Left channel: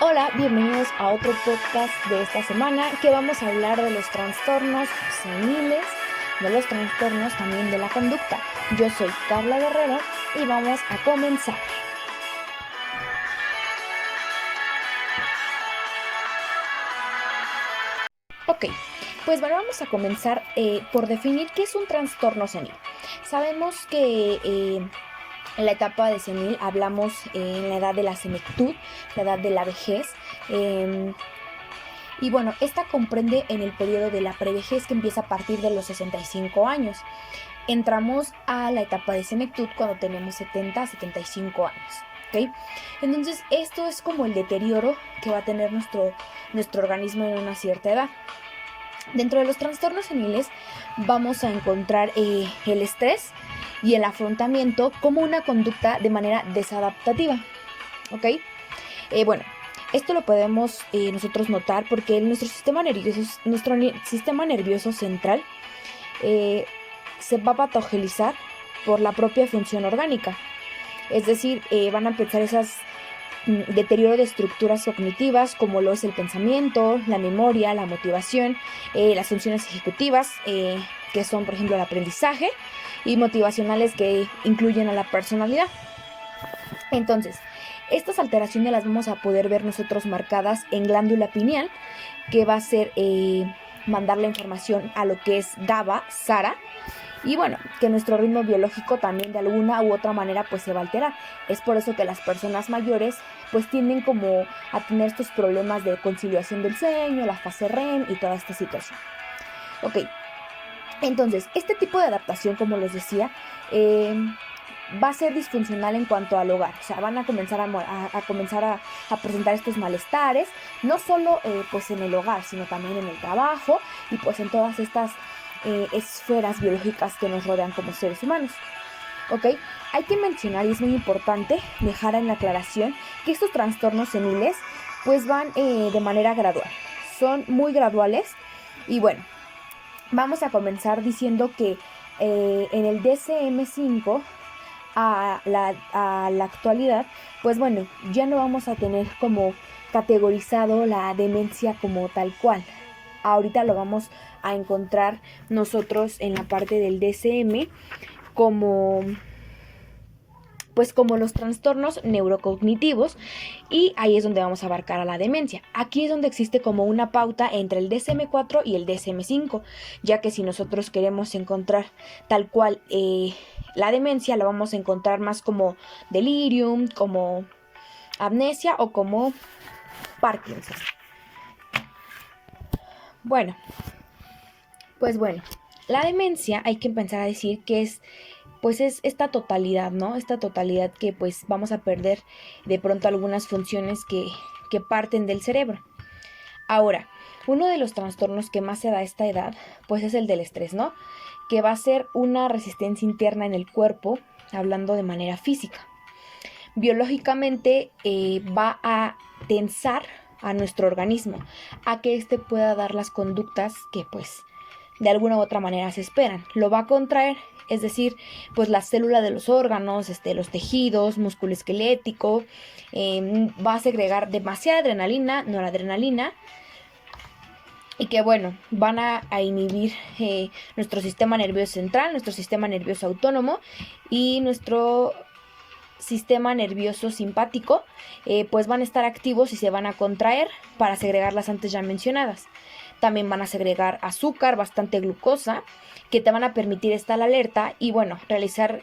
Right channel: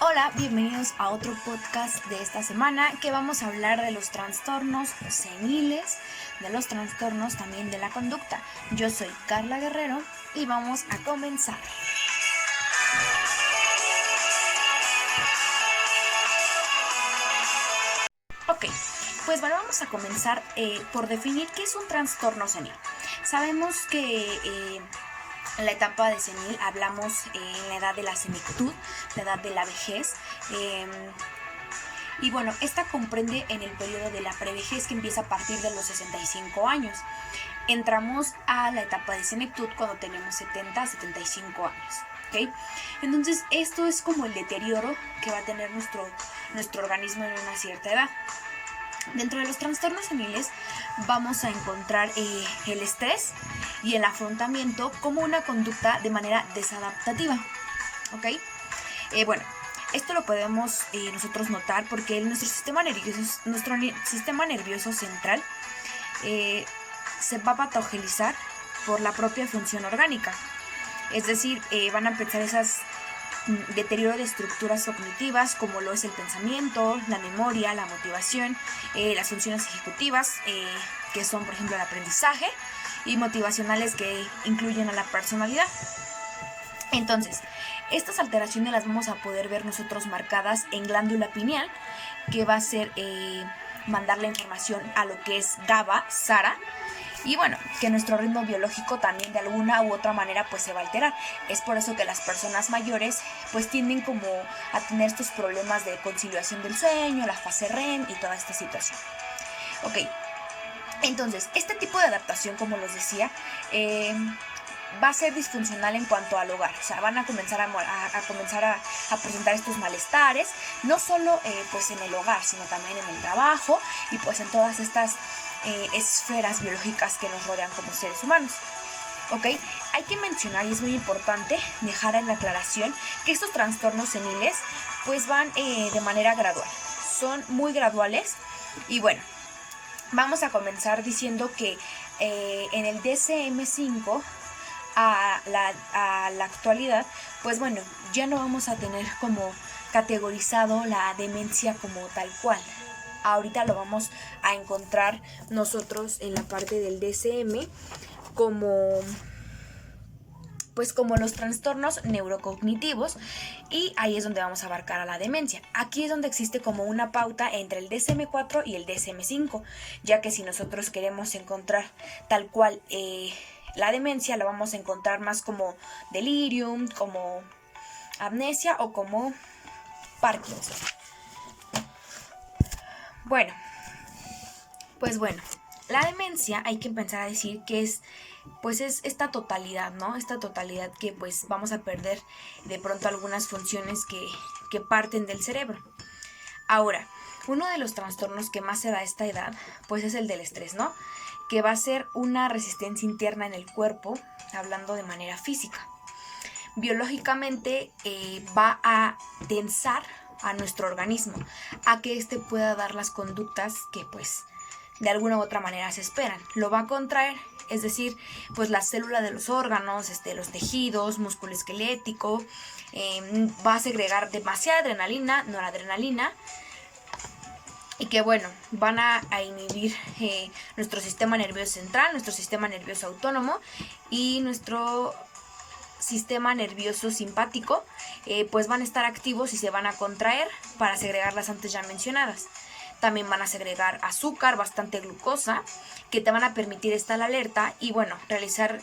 Hola, bienvenidos a otro podcast de esta semana que vamos a hablar de los trastornos seniles, de los trastornos también de la conducta. Yo soy Carla Guerrero y vamos a comenzar. Ok, pues bueno, vamos a comenzar por definir qué es un trastorno senil. Sabemos que en la etapa de senil hablamos en la edad de la senectud, la edad de la vejez. Y bueno, esta comprende en el periodo de la prevejez que empieza a partir de los 65 años. Entramos a la etapa de senectud cuando tenemos 70 a 75 años. ¿Okay? Entonces esto es como el deterioro que va a tener nuestro organismo en una cierta edad. Dentro de los trastornos seniles vamos a encontrar el estrés y el afrontamiento como una conducta de manera desadaptativa. ¿Ok? Bueno, esto lo podemos nosotros notar porque nuestro sistema nervioso central se va a patologizar por la propia función orgánica. Es decir, van a empezar esas deterioro de estructuras cognitivas como lo es el pensamiento, la memoria, la motivación, las funciones ejecutivas que son por ejemplo el aprendizaje y motivacionales que incluyen a la personalidad. Entonces, estas alteraciones las vamos a poder ver nosotros marcadas en glándula pineal, que va a ser mandar la información a lo que es GABA, SARA, y bueno, que nuestro ritmo biológico también de alguna u otra manera pues se va a alterar. Es por eso que las personas mayores pues tienden como a tener estos problemas de conciliación del sueño, la fase REM y toda esta situación. Ok, entonces este tipo de adaptación, como les decía, va a ser disfuncional en cuanto al hogar. O sea, van a comenzar a presentar estos malestares, no solo pues en el hogar, sino también en el trabajo y pues en todas estas esferas biológicas que nos rodean como seres humanos. ¿Ok? Hay que mencionar, y es muy importante dejar en la aclaración, que estos trastornos seniles pues van de manera gradual. Son muy graduales y bueno, vamos a comenzar diciendo que en el DSM-5 a la actualidad, pues bueno, ya no vamos a tener como categorizado la demencia como tal cual. Ahorita lo vamos a encontrar nosotros en la parte del DSM como pues como los trastornos neurocognitivos, y ahí es donde vamos a abarcar a la demencia. Aquí es donde existe como una pauta entre el DSM-4 y el DSM-5, ya que si nosotros queremos encontrar tal cual la demencia, la vamos a encontrar más como delirium, como amnesia o como Parkinson. Bueno, pues bueno, la demencia hay que empezar a decir que es esta totalidad, ¿no? Esta totalidad que pues vamos a perder de pronto algunas funciones que parten del cerebro. Ahora, uno de los trastornos que más se da a esta edad pues es el del estrés, ¿no? Que va a ser una resistencia interna en el cuerpo, hablando de manera física. Biológicamente va a tensar a nuestro organismo a que éste pueda dar las conductas que pues de alguna u otra manera se esperan. Lo va a contraer, es decir, pues la célula de los órganos, los tejidos, músculo esquelético, va a segregar demasiada adrenalina, noradrenalina, y que bueno, van a inhibir nuestro sistema nervioso central, nuestro sistema nervioso autónomo y nuestro sistema nervioso simpático, pues van a estar activos y se van a contraer para segregar las antes ya mencionadas. También van a segregar azúcar, bastante glucosa, que te van a permitir estar alerta y bueno, realizar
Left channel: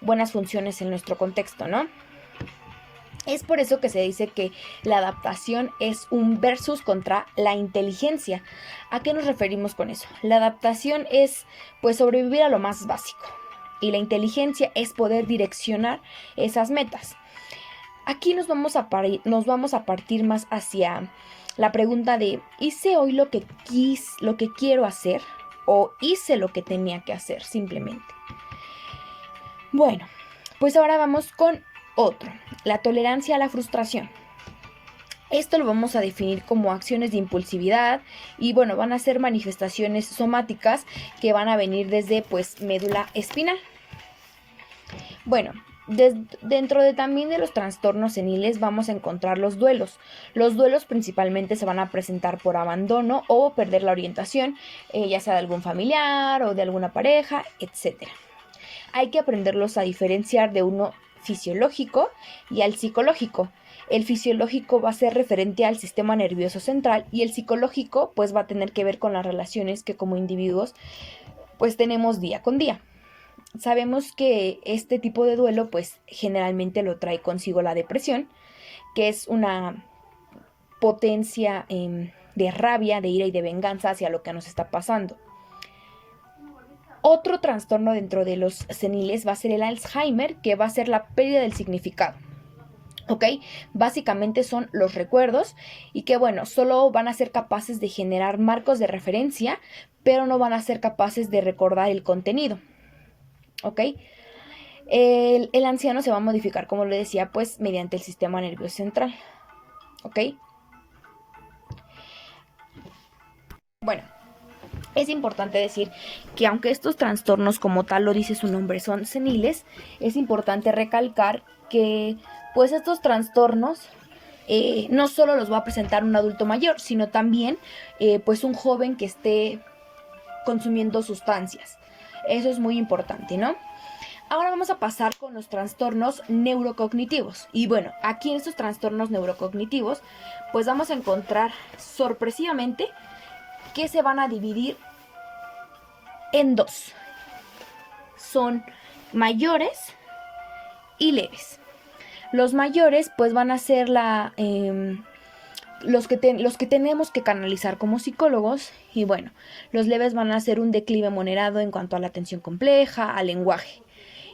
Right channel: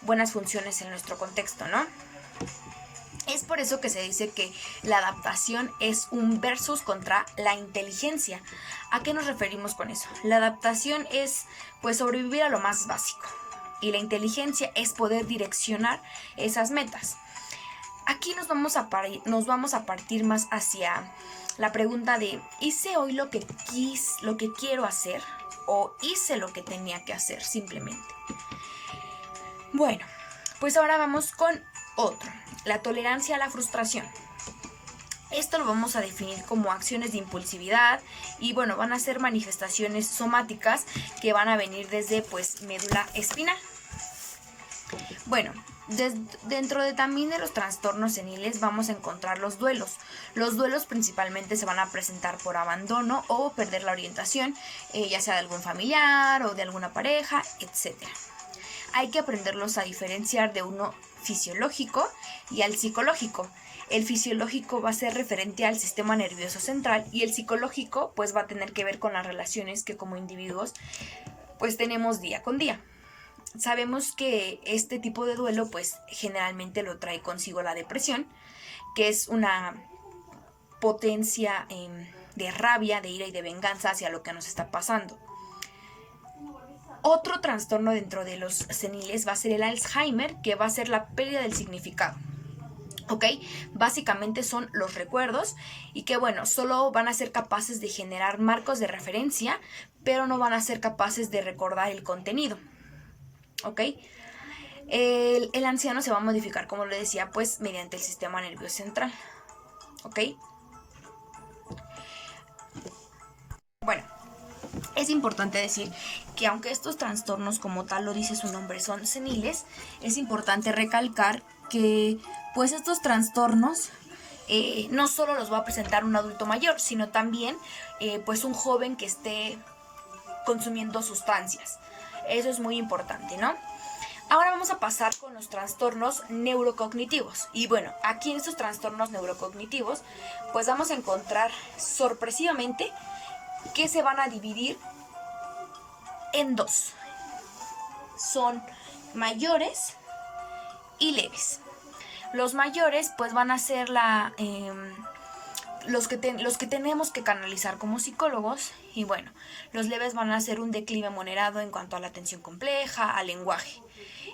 buenas funciones en nuestro contexto, ¿no? Es por eso que se dice que la adaptación es un versus contra la inteligencia. ¿A qué nos referimos con eso? La adaptación es pues sobrevivir a lo más básico y la inteligencia es poder direccionar esas metas. Aquí nos vamos a partir más hacia la pregunta de ¿hice hoy lo que quiero hacer o hice lo que tenía que hacer simplemente? Bueno, pues ahora vamos con otro, la tolerancia a la frustración. Esto lo vamos a definir como acciones de impulsividad y bueno, van a ser manifestaciones somáticas que van a venir desde pues médula espinal. Bueno, Dentro de también de los trastornos seniles vamos a encontrar los duelos. Los duelos principalmente se van a presentar por abandono o perder la orientación, ya sea de algún familiar o de alguna pareja, etc. Hay que aprenderlos a diferenciar de uno fisiológico y al psicológico. El fisiológico va a ser referente al sistema nervioso central y el psicológico pues va a tener que ver con las relaciones que como individuos pues tenemos día con día. Sabemos que este tipo de duelo pues generalmente lo trae consigo la depresión, que es una potencia de rabia, de ira y de venganza hacia lo que nos está pasando. Otro trastorno dentro de los seniles va a ser el Alzheimer, que va a ser la pérdida del significado. ¿Ok? Básicamente son los recuerdos y que bueno, solo van a ser capaces de generar marcos de referencia, pero no van a ser capaces de recordar el contenido. ¿Ok? El anciano se va a modificar, como lo decía, pues mediante el sistema nervioso central. ¿Ok? Bueno, es importante decir que aunque estos trastornos, como tal lo dice su nombre, son seniles, es importante recalcar que pues estos trastornos no solo los va a presentar un adulto mayor, sino también pues un joven que esté consumiendo sustancias. Eso es muy importante, ¿no? Ahora vamos a pasar con los trastornos neurocognitivos. Y bueno, aquí en estos trastornos neurocognitivos, pues vamos a encontrar sorpresivamente que se van a dividir en dos. Son mayores y leves. Los mayores pues van a ser los que tenemos que canalizar como psicólogos, y bueno, los leves van a ser un declive moderado en cuanto a la atención compleja, al lenguaje.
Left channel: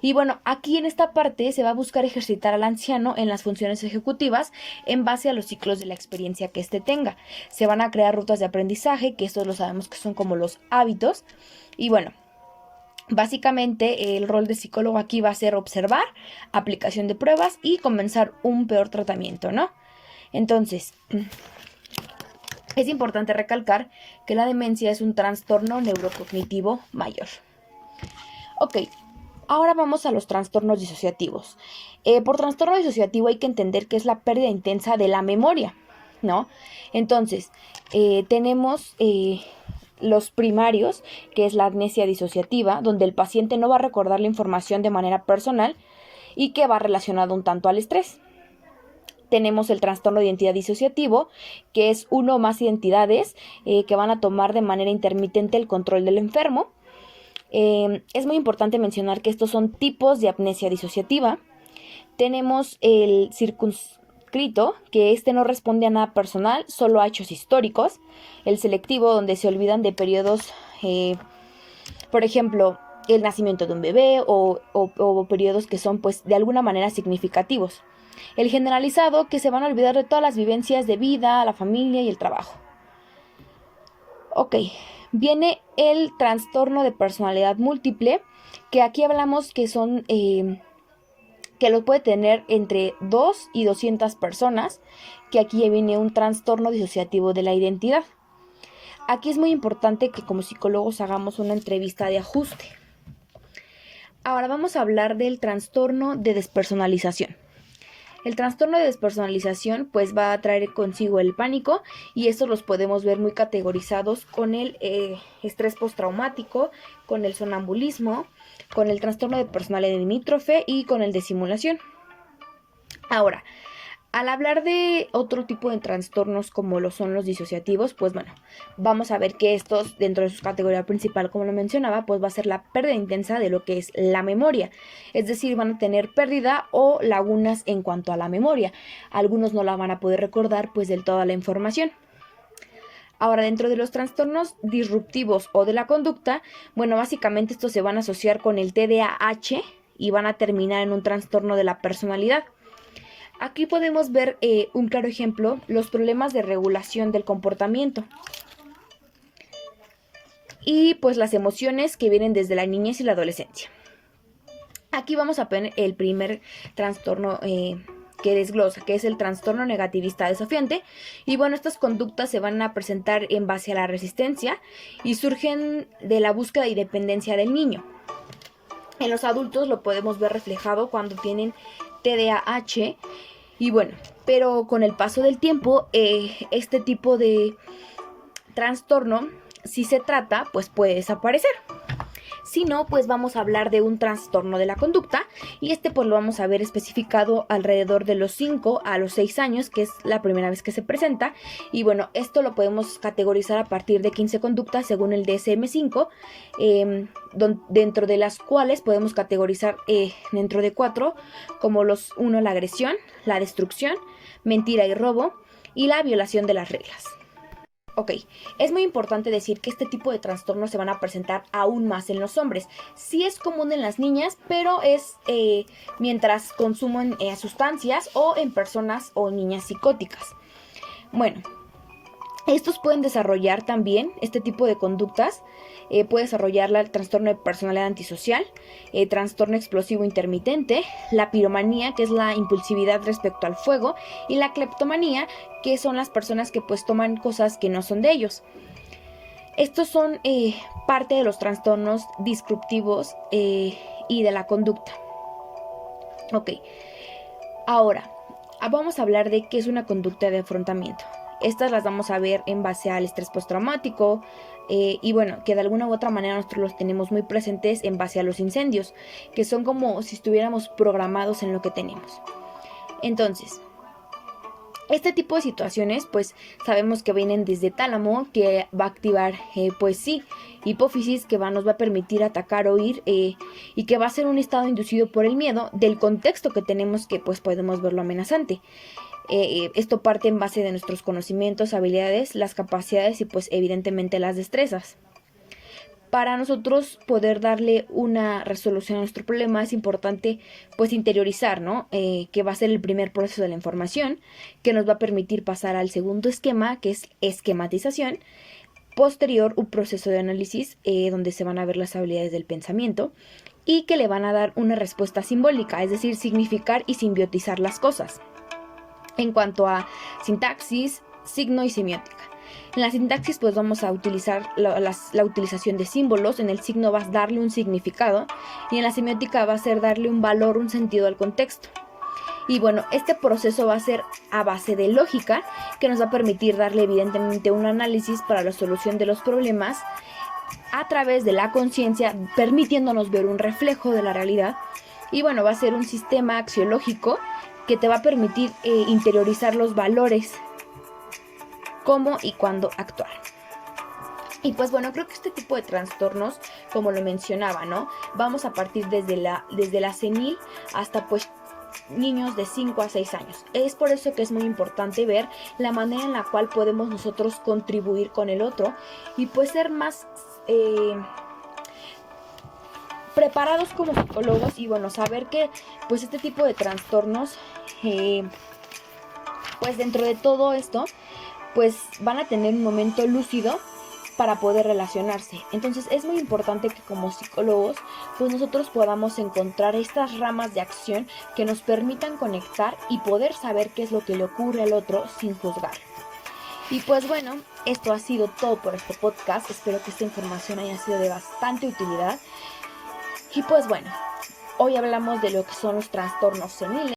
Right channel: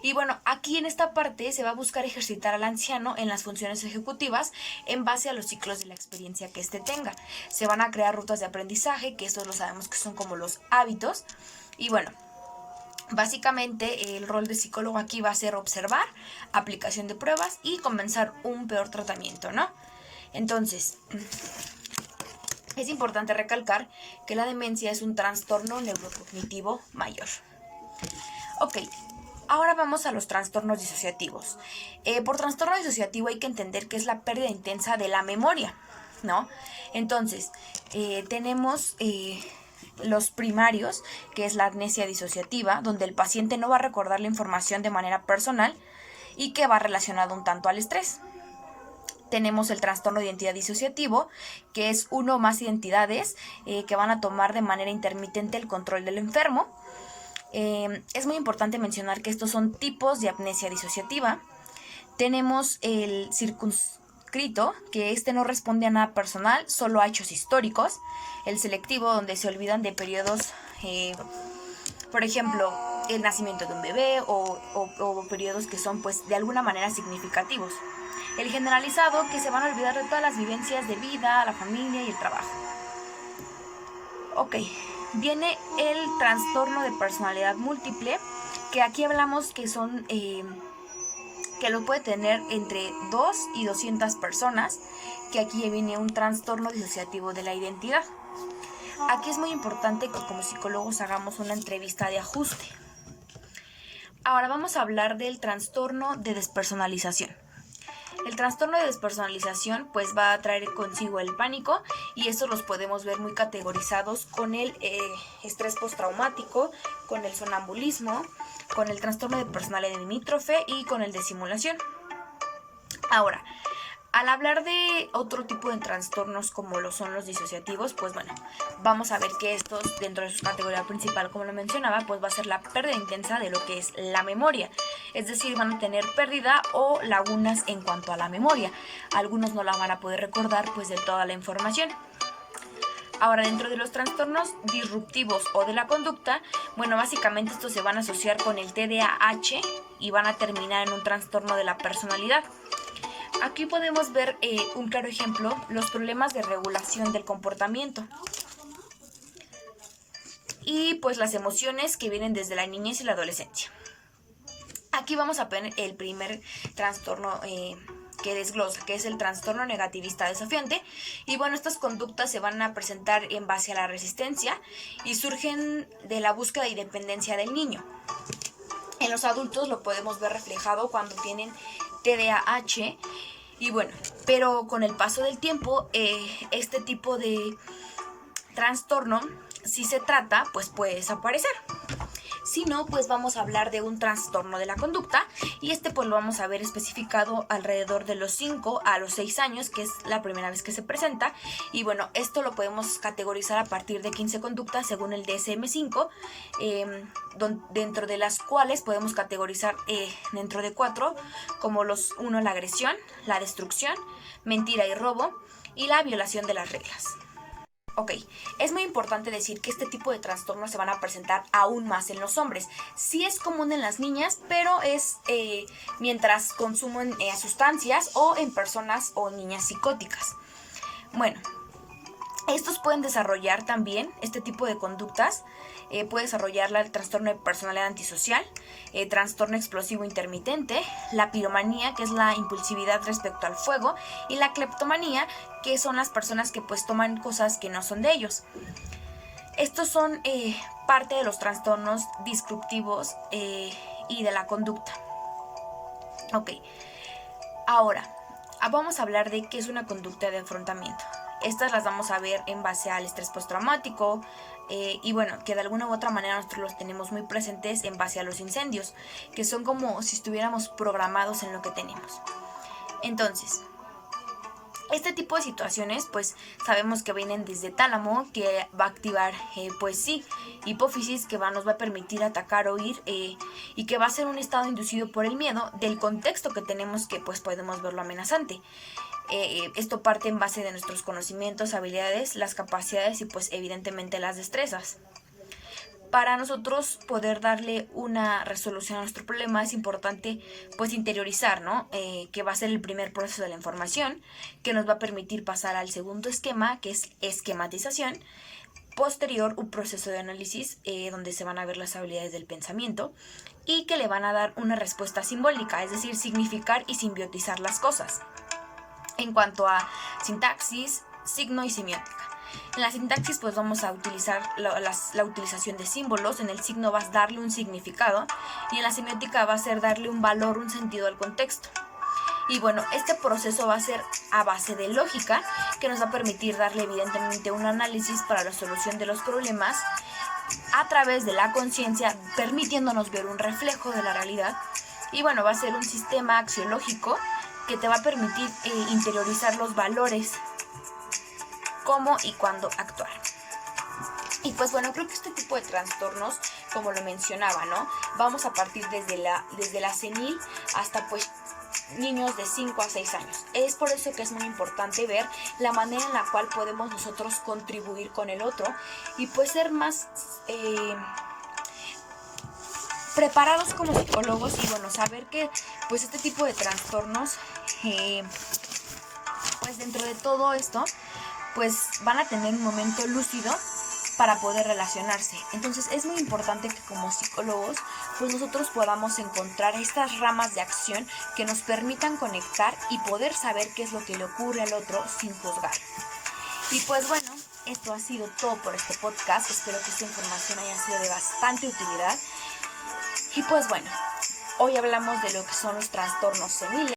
Y bueno, aquí en esta parte se va a buscar ejercitar al anciano en las funciones ejecutivas en base a los ciclos de la experiencia que éste tenga. Se van a crear rutas de aprendizaje, que estos lo sabemos que son como los hábitos. Y bueno, básicamente el rol de psicólogo aquí va a ser observar, aplicación de pruebas y comenzar un peor tratamiento, ¿no? Entonces, es importante recalcar que la demencia es un trastorno neurocognitivo mayor. Ok. Ahora vamos a los trastornos disociativos. Por trastorno disociativo hay que entender que es la pérdida intensa de la memoria, ¿no? Entonces, tenemos los primarios, que es la amnesia disociativa, donde el paciente no va a recordar la información de manera personal y que va relacionado un tanto al estrés. Tenemos el trastorno de identidad disociativo, que es uno o más identidades que van a tomar de manera intermitente el control del enfermo. Es muy importante mencionar que estos son tipos de amnesia disociativa. Tenemos el circunscrito, que este no responde a nada personal, solo a hechos históricos. El selectivo, donde se olvidan de periodos, por ejemplo, el nacimiento de un bebé o periodos que son pues de alguna manera significativos. El generalizado, que se van a olvidar de todas las vivencias de vida, la familia y el trabajo. Ok. Viene el trastorno de personalidad múltiple, que aquí hablamos que son que lo puede tener entre 2 y 200 personas, que aquí viene un trastorno disociativo de la identidad. Aquí es muy importante que como psicólogos hagamos una entrevista de ajuste. Ahora vamos a hablar del trastorno de despersonalización. El trastorno de despersonalización pues va a traer consigo el pánico, y estos los podemos ver muy categorizados con el estrés postraumático, con el sonambulismo, con el trastorno de personalidad limítrofe y con el de simulación. Ahora, al hablar de otro tipo de trastornos como lo son los disociativos, pues bueno, vamos a ver que estos, dentro de su categoría principal, como lo mencionaba, pues va a ser la pérdida intensa de lo que es la memoria. Es decir, van a tener pérdida o lagunas en cuanto a la memoria. Algunos no la van a poder recordar pues del toda la información. Ahora, dentro de los trastornos disruptivos o de la conducta, bueno, básicamente estos se van a asociar con el TDAH y van a terminar en un trastorno de la personalidad. Aquí podemos ver un claro ejemplo, los problemas de regulación del comportamiento y pues las emociones que vienen desde la niñez y la adolescencia. Aquí vamos a poner el primer trastorno que desglosa, que es el trastorno negativista desafiante. Y bueno, estas conductas se van a presentar en base a la resistencia y surgen de la búsqueda y dependencia del niño. En los adultos lo podemos ver reflejado cuando tienen TDAH. Y bueno, pero con el paso del tiempo, este tipo de trastorno, si se trata, pues puede desaparecer. Si no, pues vamos a hablar de un trastorno de la conducta, y pues lo vamos a ver especificado alrededor de los 5 a los 6 años, que es la primera vez que se presenta. Y bueno, esto lo podemos categorizar a partir de 15 conductas según el DSM-5, dentro de las cuales podemos categorizar dentro de 4 como los 1, la agresión, la destrucción, mentira y robo, y la violación de las reglas. Ok, es muy importante decir que este tipo de trastornos se van a presentar aún más en los hombres. Sí es común en las niñas, pero es mientras consumen sustancias o en personas o niñas psicóticas. Bueno, estos pueden desarrollar también este tipo de conductas. Puede desarrollar el trastorno de personalidad antisocial, trastorno explosivo intermitente, la piromanía, que es la impulsividad respecto al fuego, y la cleptomanía, que son las personas que pues toman cosas que no son de ellos. Estos son parte de los trastornos disruptivos y de la conducta. Ok, ahora vamos a hablar de qué es una conducta de afrontamiento. Estas las vamos a ver en base al estrés postraumático, y bueno, que de alguna u otra manera nosotros los tenemos muy presentes en base a los incendios, que son como si estuviéramos programados en lo que tenemos. Entonces, este tipo de situaciones pues sabemos que vienen desde tálamo, que va a activar hipófisis, que nos va a permitir atacar o huir, y que va a ser un estado inducido por el miedo del contexto que tenemos, que pues podemos verlo amenazante. Esto parte en base de nuestros conocimientos, habilidades, las capacidades y pues evidentemente las destrezas. Para nosotros poder darle una resolución a nuestro problema es importante pues interiorizar, ¿no? Que va a ser el primer proceso de la información, que nos va a permitir pasar al segundo esquema, que es esquematización. Posterior, un proceso de análisis donde se van a ver las habilidades del pensamiento y que le van a dar una respuesta simbólica, es decir, significar y simbiotizar las cosas. En cuanto a sintaxis, signo y semiótica. En la sintaxis pues vamos a utilizar la utilización de símbolos. En el signo vas a darle un significado, y en la semiótica va a ser darle un valor, un sentido al contexto. Y bueno, este proceso va a ser a base de lógica, que nos va a permitir darle evidentemente un análisis para la solución de los problemas a través de la conciencia, permitiéndonos ver un reflejo de la realidad. Y bueno, va a ser un sistema axiológico que te va a permitir interiorizar los valores, cómo y cuándo actuar. Y pues bueno, creo que este tipo de trastornos, como lo mencionaba, ¿no? Vamos a partir desde la senil hasta pues niños de 5 a 6 años. Es por eso que es muy importante ver la manera en la cual podemos nosotros contribuir con el otro y pues ser más preparados como psicólogos, y bueno, saber que pues este tipo de trastornos pues dentro de todo esto pues van a tener un momento lúcido para poder relacionarse. Entonces es muy importante que como psicólogos pues nosotros podamos encontrar estas ramas de acción que nos permitan conectar y poder saber qué es lo que le ocurre al otro sin juzgar. Y pues bueno, esto ha sido todo por este podcast. Espero que esta información haya sido de bastante utilidad. Y pues bueno, hoy hablamos de lo que son los trastornos seniles.